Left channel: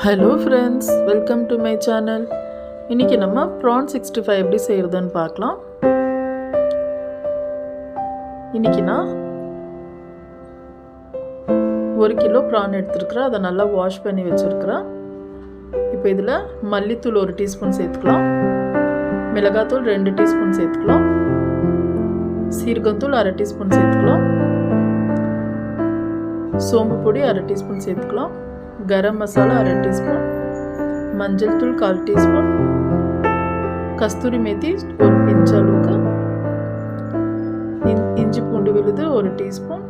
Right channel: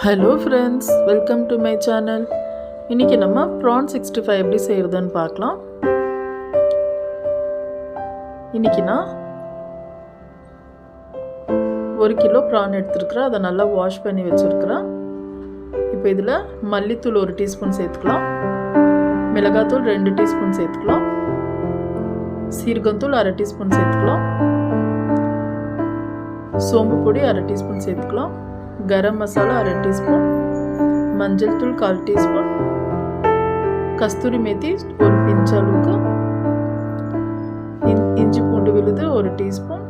Hello friends, welcome to my channel. இன்றைக்கி நம்ம PRAN 65 எப்படி செய்கிறதுன்னு பார்க்கலாம். இன்றைக்கி நான் 1 கிலோ ப்ரான் எடுத்துருக்குறேன். அதை நல்லா வாஷ் பண்ணி வச்சுருக்குறேன். இப்போ இதில் மல்லித்தூள் 1 டீஸ்பூன் சேர்த்துக்கலாம், மிளகாத்தூள் 2 டீஸ்பூன் சேர்த்துக்கலாம், சீரகத்தூள் 1/2 டீஸ்பூன் சேர்த்துக்கலாம், சோம்பு பொடி 1/2 டீஸ்பூன் சேர்த்துக்கலாம், गरम मसाला 1/2 टीस्पून, मंजल तूल 1/4 टीस्पून, कस्तूरी मेथी 1 पिंच அளவுக்கு, இஞ்சி பூண்டு விழுது 1 டீஸ்பூன்,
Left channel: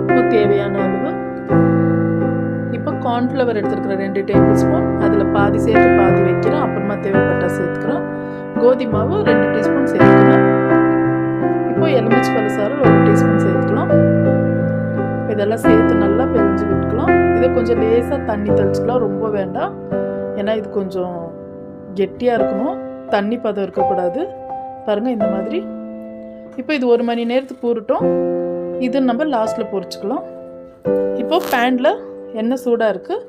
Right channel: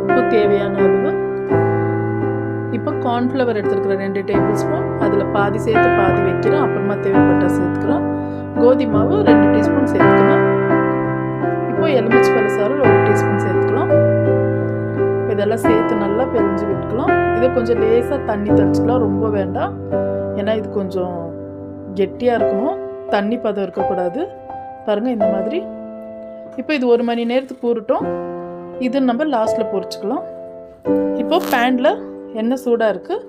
உப்பு தேவையான அளவு. இப்போ கார்ன்ஃப்ளவர் எடுத்துருக்கிறேன் 2 டேபிள் ஸ்பூன். அதில் பாதி சேர்த்து பாதி வைக்கிறேன், அப்புறமா தேவைப்பட்டா சேர்த்துக்கிறேன். கோதி மாவு 2 டீஸ்பூன் சேர்த்துக்கிறேன். இப்போ எலுமிச்சை பழசாறு 1 டீஸ்பூன் சேர்த்துக்கலாம். இதெல்லாம் சேர்த்து நல்லா பிழிஞ்சு விட்டுக்கலாம். இதை கொஞ்சம் லேசாக தண்ணி தெளிச்சுக்கலாம், ரொம்ப வேண்டாம். ஏன்னா இது கொஞ்சம் கெட்டியாக இருக்கணும், தண்ணி பதம் இருக்கக்கூடாது. பாருங்கள் இந்த மாதிரி. இப்போ இது 1 மணி நேரத்துக்கு ஊறட்டும். இது நம்ம லாஸ்ட்டில் பொரிச்சுக்கலாம். இப்போது பேனில் எண்ணெய் சூடாக இருக்குது.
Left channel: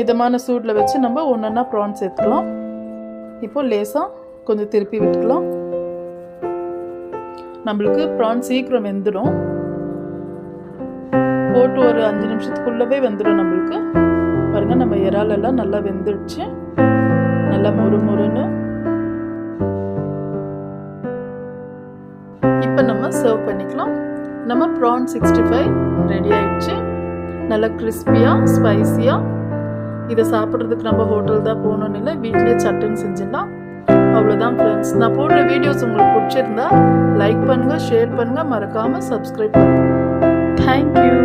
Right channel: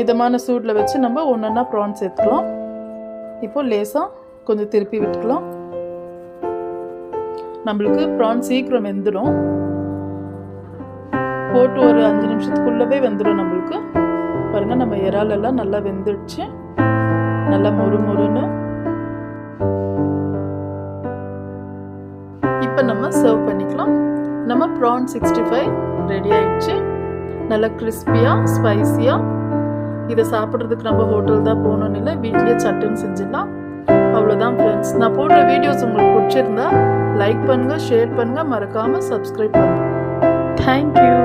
மிதமான சூடில் வச்சு நம்ம ஒன்றா ப்ரான் சேர்த்துக்கலாம். இப்போது லேசாக கொஞ்சம் திருப்பி விட்டுக்கலாம். நம்மளுக்கு ப்ரான் சீக்கிரம் வெந்துடும். போட்டு ஒரு 5 நிமிஷத்துக்குள்ளவே வெந்துடும் நம்மளுக்கு. பாருங்கள், நம்ம இறாலெல்லாம் நல்லா வெந்துடுச்சு, நல்லா மொறுன்னு. இப்போ நம்ம சர்வ் பண்ணிக்கலாம். நம்ம ப்ரான் 65 ரெடி ஆயிடுச்சு. நல்லா கிறிஸ்பியாக ஸ்பைஸியாக. இதை சாப்பிட்றதுக்கு நம்ம ஹோட்டல் தான் போகணும்னு இல்லை, வீட்லேயே சட்டுன்னு செஞ்சிடலாம். அவ்வளோதான் ஃப்ரெண்ட்ஸ். நான் போடுற வீடியோஸ் உங்களுக்கு பிடிச்சிருந்தா லைக் பண்ணுங்கள், ஷேர் பண்ணுங்கள், மறக்காமல் சப்ஸ்கிரைப் பண்ணுங்கள். Thank you.